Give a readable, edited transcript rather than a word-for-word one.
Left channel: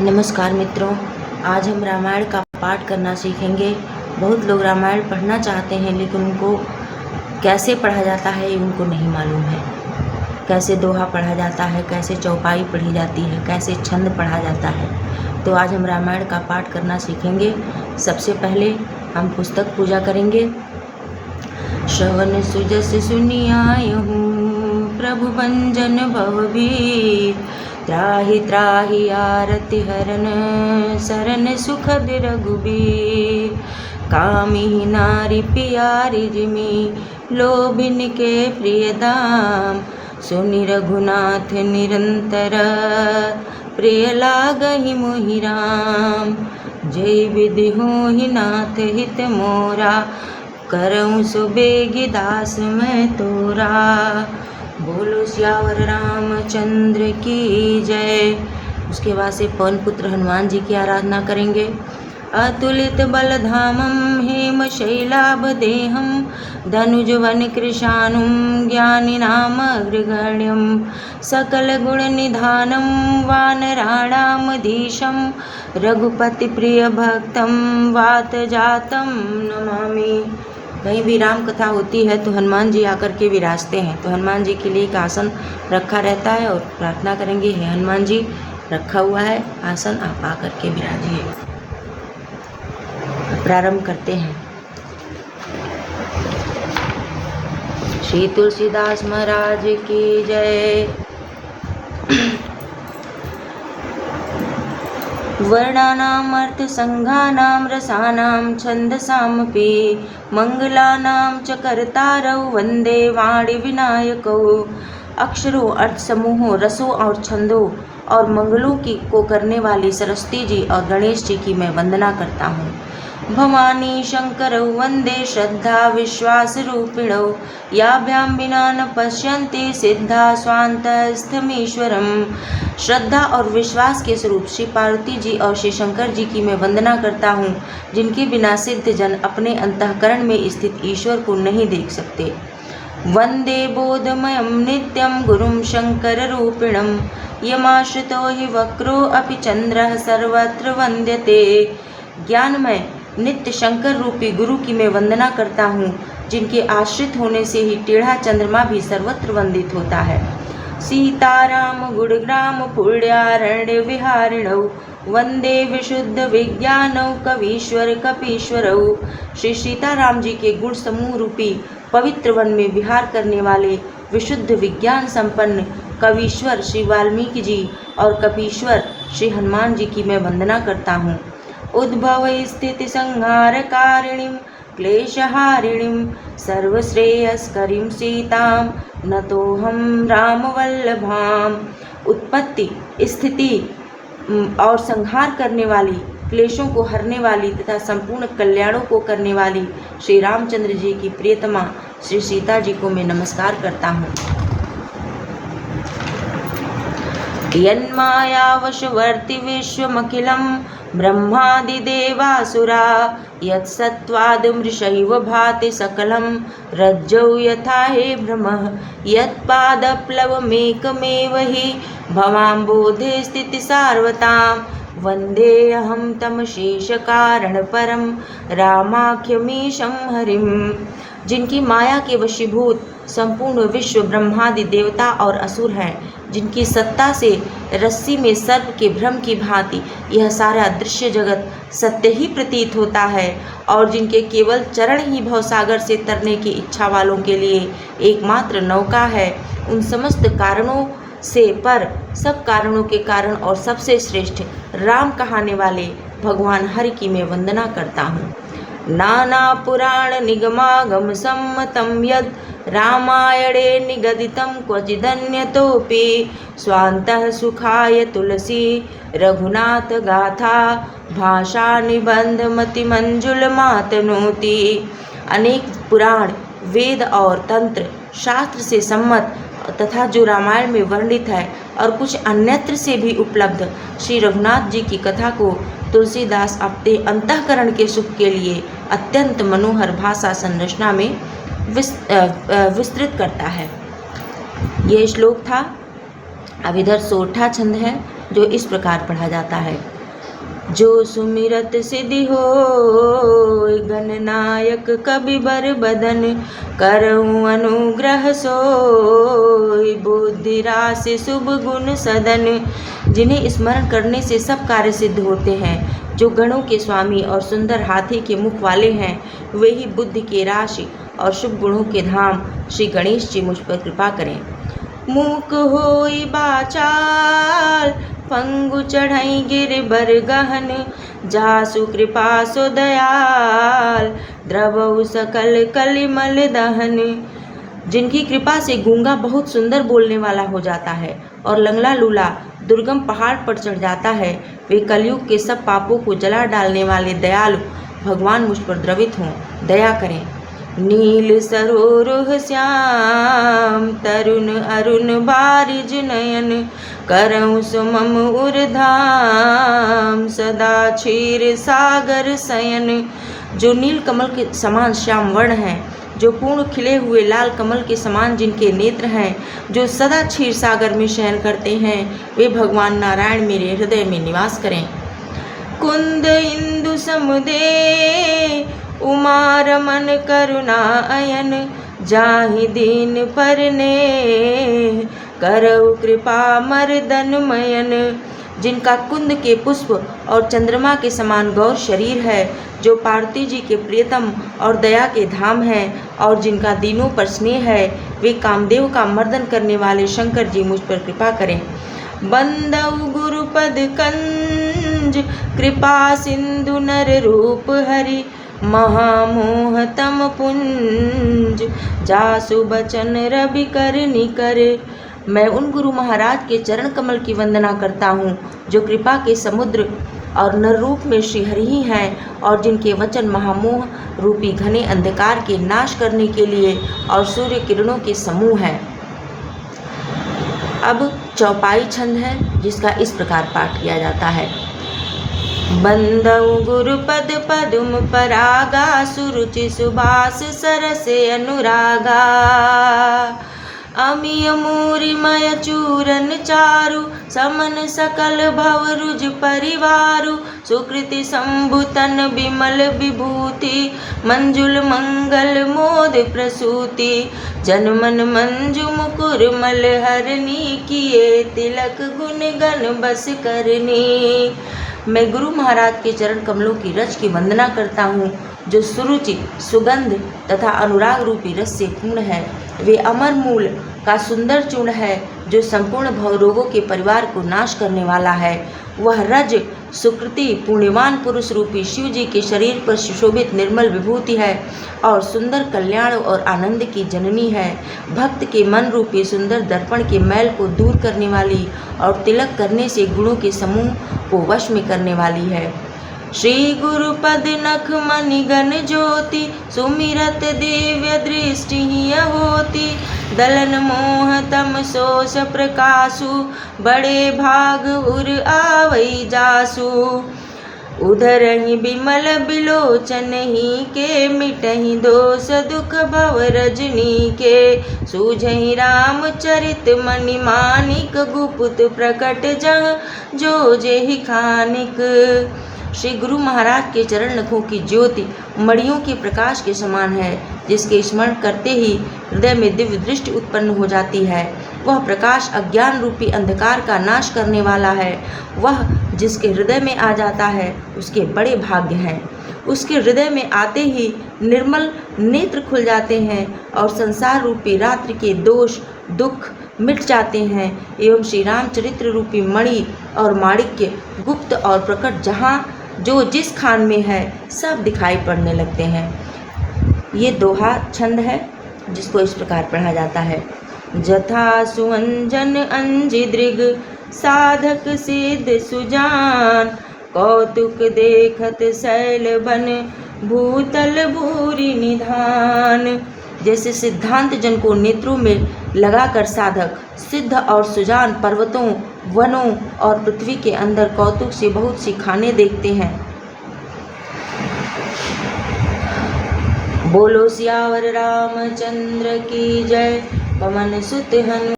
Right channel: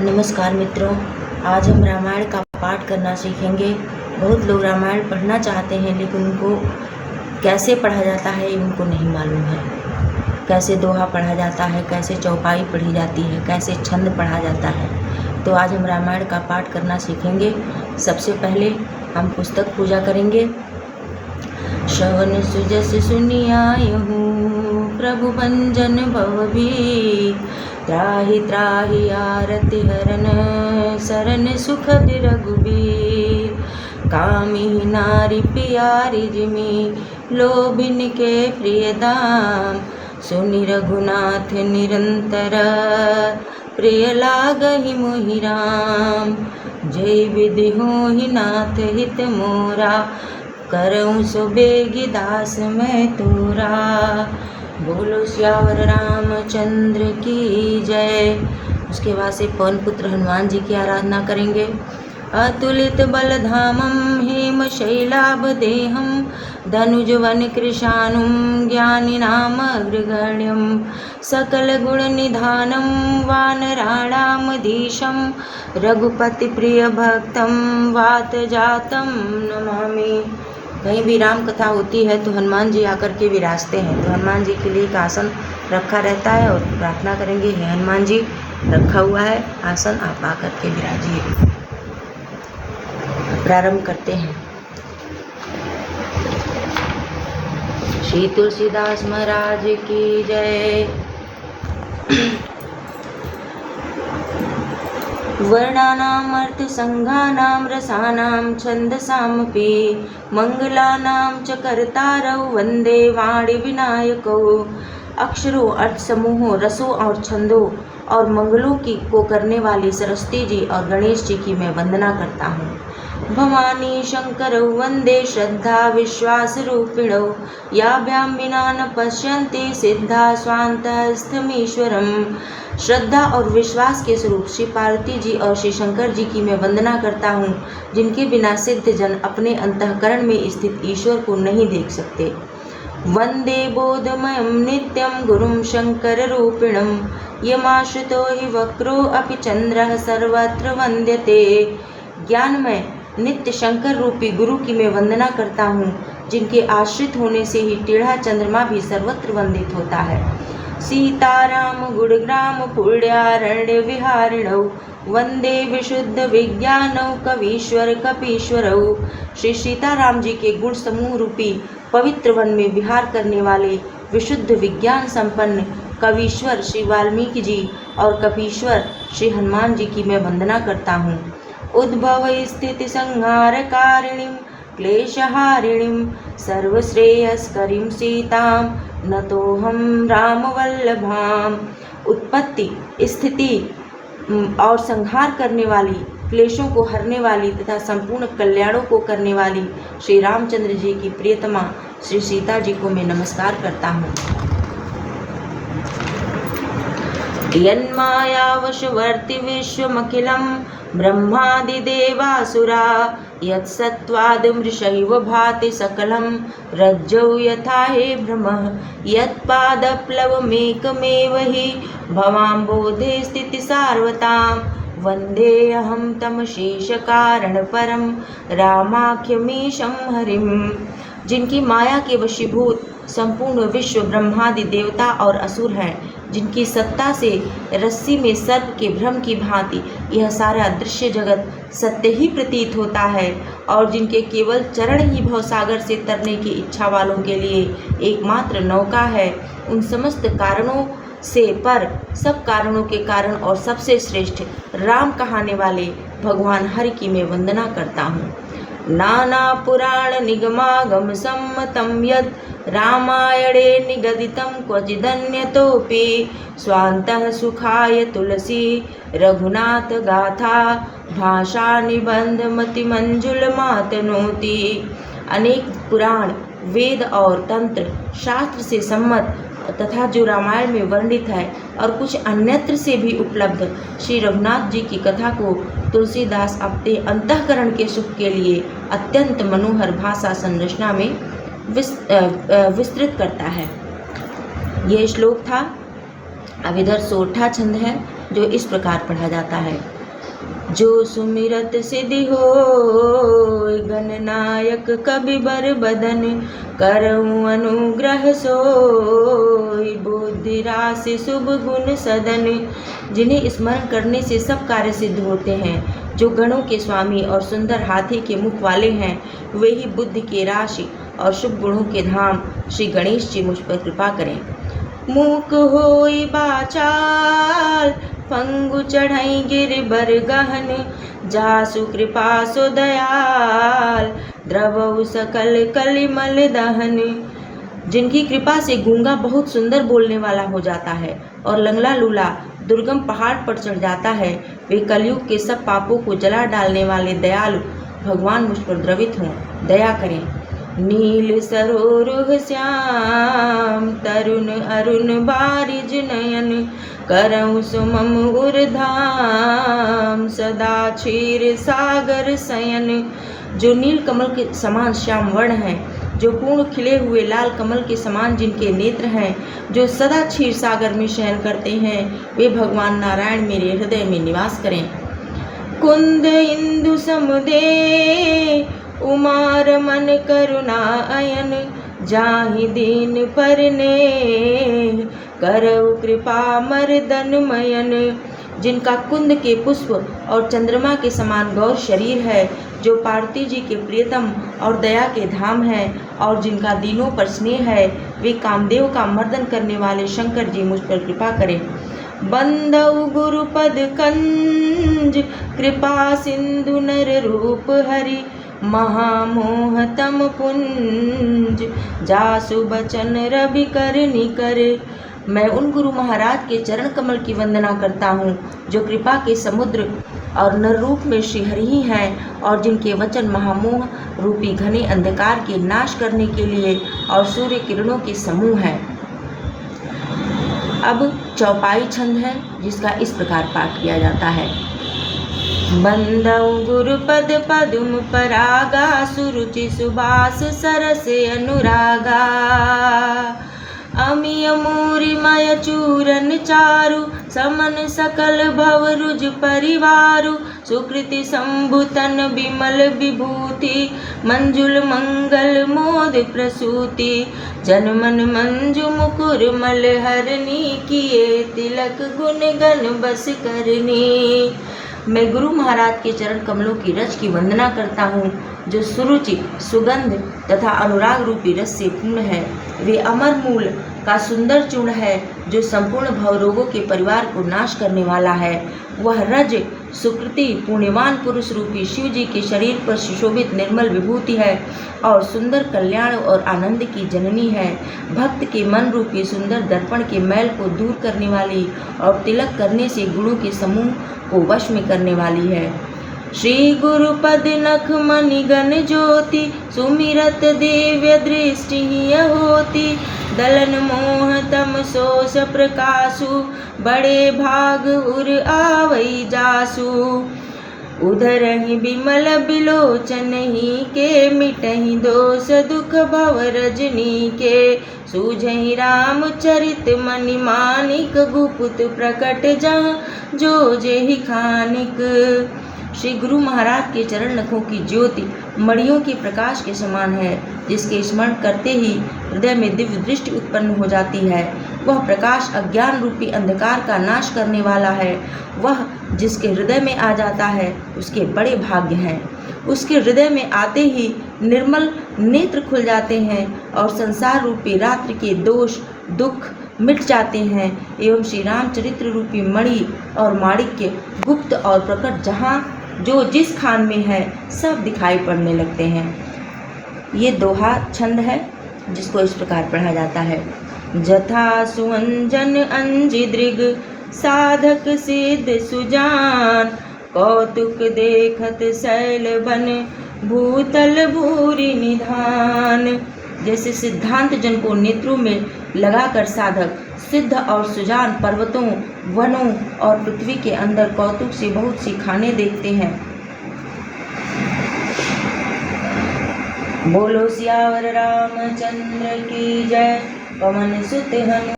नमस्कार मित्रों, आज हम रामायण का पाठ करना सीखेंगे। बहुत लोग रामायण पढ़ना चाहते हैं लेकिन उनको कैसे पढ़ा जाता है उनको नहीं मालूम है। कैसे दोहा पढ़ा जाता है, कैसे चौपाई पढ़ी जाती है, कैसे छंद पढ़ा जाता है। तो आज हम रामायण का पाठ करना सीखेंगे। सबसे पहले हम पुस्तक पूजा करेंगे। श्रवण सुजस सुनियायहु प्रभु भंजन भवभीर, त्राहि त्राहि आरति हरन सरन सुखद रघुबीर। कामी नारी प्यारी जिमि लोभिन के प्रिय दाम, सुनि रघुनाथ निरंतर प्रिय लागहि मुहि राम। जय विधि होहि नाथ हित मोरा, करऊँ सो बेगी दास मैं तोरा। बोलो सियावर रामचंद्र की जय। उसके बाद से पवन पुत्र हनुमान जी की आराधना करेंगे। अतुलित बलधामं हेम शैलाभदेहं, धनुजवन कृशानुं ज्ञानिनामग्रगण्यं, सकल गुण निधानं वानराणामधीशं, रघुपति प्रिय भक्तं वात जातं नमामि। कहीं भी राम कथा होती है तो हनुमान जी आकर के विराजते हैं। तो हनुमान जी के लिए एक आसन रखा रहता है और प्रार्थना करेंगे, हे हनुमान जी रखा हुआ है आसन, आप आकर के विराजिए। प्रारंभ करते हैं। श्री तुलसीदास महाराज की जय। वर्णानाम् अर्थसंघानां रसानां छन्दसामपि, मंगलानां च कर्तारौ वन्दे वाणी विनायकौ। अक्षरों, अर्थ समूहों, रसों और छंदों और मंगलों को करने वाली सरस्वती जी और गणेश जी की मैं वंदना करता हूँ। भवानी शंकरौ वन्दे श्रद्धा विश्वास रूपिणौ, याभ्यां विना न पश्यन्ति सिद्धा स्वान्तस्थमीश्वरम्। श्रद्धा और विश्वास के स्वरूप श्री पार्वती जी और श्री शंकर जी की मैं वंदना करता हूँ, जिनके बिना सिद्ध जन अपने अंतःकरण में स्थित ईश्वर को नहीं देख सकते। वंदे बोधमयं नित्यं गुरुं शंकर रूपिणं, यमाश्रितो हि वक्रो अपि चंद्रः सर्वत्र वंद्यते। ज्ञानमय नित्य शंकर रूपी गुरु की मैं वंदना करता हूँ, जिनके आश्रित होने से ही टेढ़ा चंद्रमा भी सर्वत्र वंदित होता है। सीताराम गुणग्राम पुण्यारण्य विहारिणौ, वंदे विशुद्ध विज्ञानौ कवीश्वर कपीश्वरौ। श्री सीताराम जी के गुण समूह रूपी पवित्र वन में विहार करने वाले विशुद्ध विज्ञान संपन्न कवीश्वर श्री वाल्मीकि जी और कपीश्वर श्री हनुमान जी की मैं वंदना करता हूँ। उद्भव स्थिति संहार कारिणीं क्लेशहारिणीं, सर्वश्रेयस्करीं सीतां नतोऽहं रामवल्लभाम्। उत्पत्ति, स्थिति और संहार करने वाली, क्लेशों को हरने वाली तथा संपूर्ण कल्याणों को करने वाली श्री रामचंद्र जी की प्रियतमा श्री सीता जी को मैं नमस्कार करता हूँ। यन्मायावशवर्ति विश्वमखिलं ब्रह्मादिदेवासुरा, यत्सत्त्वादमृषैव भाति सकलं रज्जौ यथा हे भ्रमः, यत्पादप्लवमेकमेव हि भवाम्बोधे स्थितिसार्वताम्। वन्देऽहं तं शेषकारणपरं रामाख्यमीशं हरिम्। जिनकी माया के वशीभूत संपूर्ण विश्व ब्रह्मादि देवता और असुर हैं, जिनकी सत्ता से रस्सी में सर्प के भ्रम की भांति यह सारा दृश्य जगत सत्य ही प्रतीत होता है, और जिनके केवल चरण ही भवसागर से तरने की इच्छा वालों के लिए एकमात्र नौका है, उन समस्त कारणों से पर सब कारणों के कारण और सबसे श्रेष्ठ राम कहाने वाले भगवान हरि की मैं वंदना करता हूँ। नाना पुराण निगमागम सम्मतं यद् रामायणे निगदितं क्वचिदन्यतोऽपि, स्वान्तः सुखाय तुलसी रघुनाथ गाथा, भाषा निबंध मति मंजुलमातनोति। अनेक पुराण, वेद और तंत्र शास्त्र से सम्मत तथा जो रामायण में वर्णित है और कुछ अन्यत्र से भी उपलब्ध श्री रघुनाथ जी की कथा को तुलसीदास अपने अंतःकरण के सुख के लिए अत्यंत मनोहर भाषा संरचना में विस्तृत करता है। यह श्लोक था। अब इधर सोरठा छंद है। जो इस प्रकार पढ़ा जाता है। जो सुमिरत सिद्धि होय, गणनायक कवि बर बदन, करऊं अनुग्रह सोय, बुद्धि राशि शुभ गुण सदन। जिन्हें स्मरण करने से सब कार्य सिद्ध होते हैं, जो गणों के स्वामी और सुंदर हाथी के मुख वाले हैं, वे ही बुद्धि के राशि और शुभ गुणों के धाम श्री गणेश जी मुझ पर कृपा करें। मूक होई बाचाल, फंगु चढ़ई गिर बर गहन, जासु कृपा सु दयाल, द्रवउ सकल कलिमल दहन। जिनकी कृपा से गूंगा बहुत सुंदर बोलने वाला हो जाता है और लंगड़ा लूला दुर्गम पहाड़ पर चढ़ जाता है, वे कलयुग के सब पापों को जला डालने वाले दयालु भगवान मुझ पर द्रवित हों, दया करें। नील सरोरुह श्याम, तरुण अरुण बारिज नयन, करऊं सुमम उर्धाम, सदा क्षीर सागर शयन। जो नील कमल के समान श्याम वर्ण हैं, जो पूर्ण खिले हुए लाल कमल के समान जिनके नेत्र हैं, जो सदा क्षीर सागर में शयन करते हैं, वे भगवान नारायण मेरे हृदय में निवास करें। कुंद इंदु समुदे, उमा रमन करुणा अयन, जाहि दीन परने, करऊ कृपा मर्दन मयन। जिनका कुंद के पुष्प और चंद्रमा के समान गौर शरीर है, जो पार्वती जी के प्रियतम और दया के धाम है, और जिनका दीनों पर स्नेह है, वे कामदेव का मर्दन करने वाले शंकर जी मुझ पर कृपा करें। बंदउ गुरुपद कंज, कृपा सिंधु नर रूप हरि, महामोह तम पुंज, जासु बचन रवि कर निकर। मैं उन गुरु महाराज के चरण कमल की वंदना करता हूँ, जो कृपा के समुद्र और नर रूप में श्रीहरि ही हैं, और जिनके वचन महामोह रूपी घने अंधकार के नाश करने के लिए और सूर्य किरणों के समूह हैं। अब चौपाई छंद है, जिसका इस प्रकार पाठ किया जाता है। बंदउ गुरुपद पदुम परागा, सुरुचि सुबास सरसे अनुरागा, अमिय मूरि मय चूरन चारु, समन सकल भव रुज परिवारु, सुकृति संभुतन विमल विभूति, मंजुल मंगल मोद प्रसूति, जनमन मंजु मुकुर मल हरनी, किए तिलक गुण गण बस करनी। मैं गुरु महाराज के चरण कमलों की रज की वंदना करता हूँ, जो सुरुचि सुगंध तथा अनुराग रूपी रस से पूर्ण है। वे अमर मूल का सुंदर चूर्ण है, जो संपूर्ण भवरोगों के परिवार को नाश करने वाला है। वह रज सुकृति पुण्यवान पुरुष रूपी शिव जी के शरीर पर सुशोभित निर्मल विभूति है, और सुंदर कल्याण और आनंद की जननी है। भक्त के मन रूपी सुंदर दर्पण के मैल को दूर करने वाली, और तिलक करने से गुणों के समूह को वश में करने वाली है। श्री गुरुपद नख मणि गण ज्योति, सुमिरत दिव्य दृष्टि हिय होती, दलन मोह तम सोस प्रकाशु, बड़े भाग उर आवई जासु। उधर ही बिमल बिलोचन ही के, मिटहि दोष दुख भव रजनी के, सूझहि रामचरित मणि मानिक, गुप्त प्रकट जहाँ जो जेहि खानिक। श्री गुरु महाराज के चरण नखों की ज्योति मणियों के प्रकाश के समान है, जिसके स्मरण करते ही हृदय में दिव्य दृष्टि उत्पन्न हो जाती है। वह प्रकाश अज्ञान रूपी अंधकार का नाश करने वाला है। वह जिसके हृदय में आ जाता है, उसके बड़े भाग्य हैं। उसके हृदय में आते ही निर्मल नेत्र खुल जाते हैं, और संसार रूपी रात्रि के दोष दुख मिट जाते हैं, एवं श्री रामचरित्र रूपी मणि और माणिक्य गुप्त और प्रकट जहाँ जो जिस खान में है, सब दिखाई पड़ने लगते हैं। ये दोहा छंद है, जिसको इस प्रकार पढ़ा जाता है। जथा सुअंजन अंज दृग, साधक सिद्ध सुजान, कौतुक देखत शैल बन, भूतल भूरि निधान। जैसे सिद्धांत जन को नेत्रों में लगाकर साधक सिद्ध और सुजान पर्वतों वनों और पृथ्वी के अंदर कौतुक से बहुत सी खाने देखते हैं। बोलो सियावर रामचंद्र की जय। पवन सुत हनुमान।